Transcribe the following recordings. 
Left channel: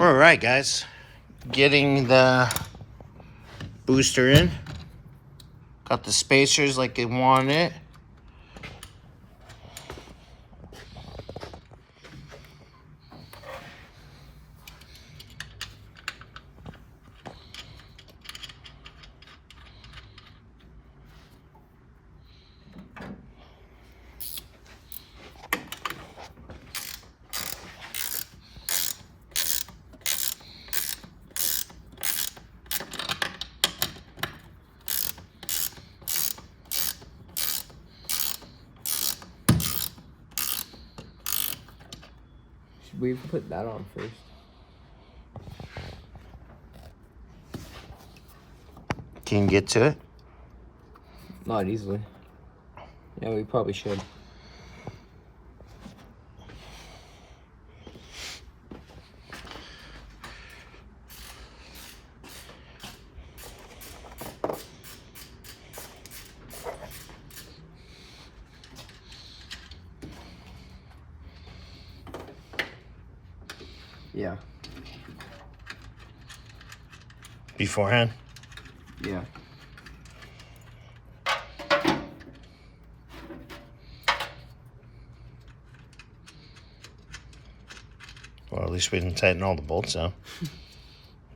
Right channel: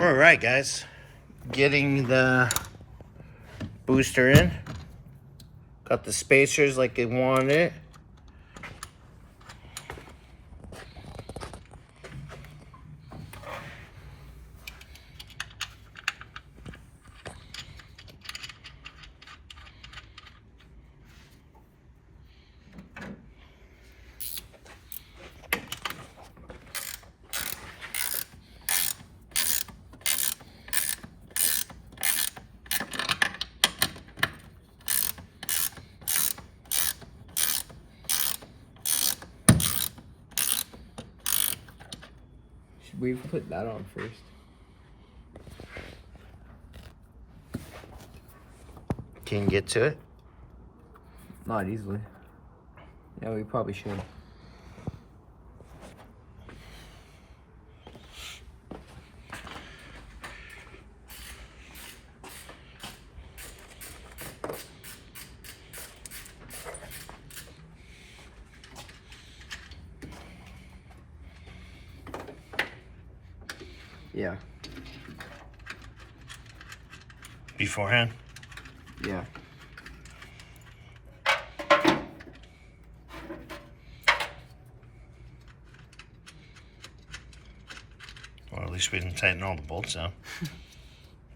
All right, guys, getting the booster in. Got the spacers like they wanted it. We've put that on first. Can you get to it? Not easily. Yeah, we probably should. Yeah. Beforehand? Yeah. Well, at least we didn't tighten all the bolts down.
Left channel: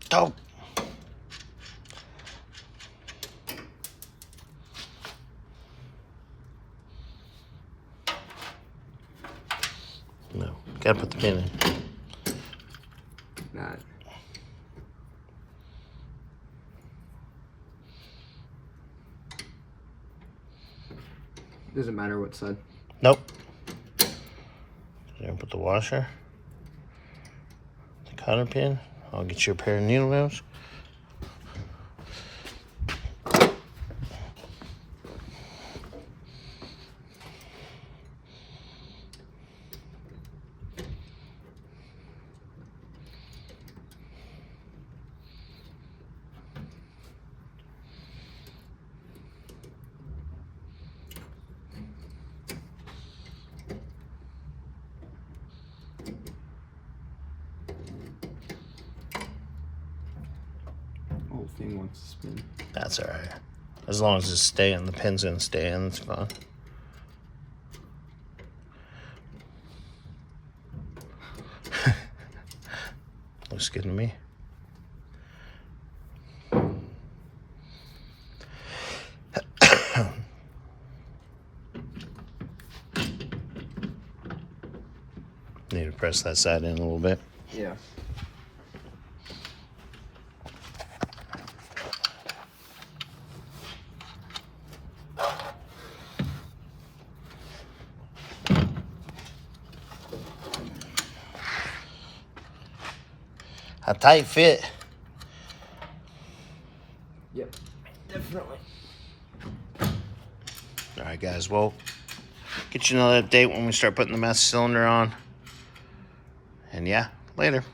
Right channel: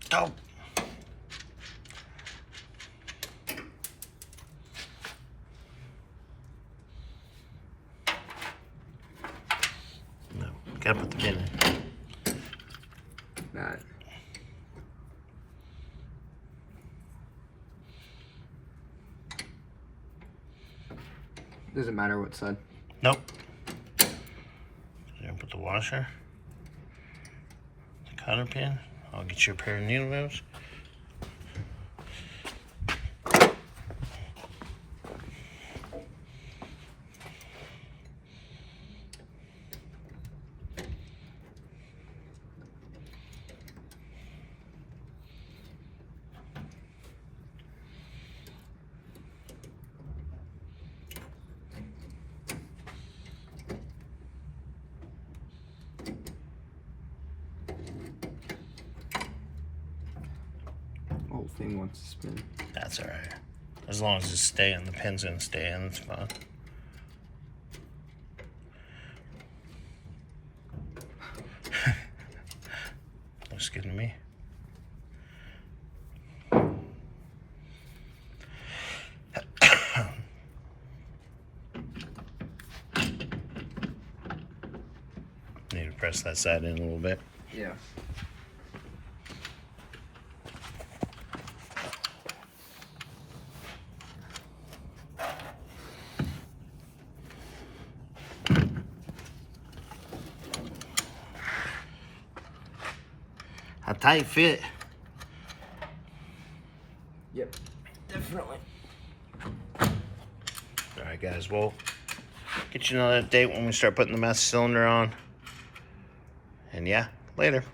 Dope. No, gotta put the pin in. Not. Doesn't matter what side. Nope. Then put the washer, the cotter pin. I'll get you a pair of needle wheels. Whole thing wants to spin. That's all right. As long as it's staying, the pin's gonna stay in, it's fine. Looks good to me. Need to press that side in a little bit. Yeah. A tight fit. Yep. Definitely. All right, guys. Well, get you another update when we start putting the master cylinder on. And yeah, later.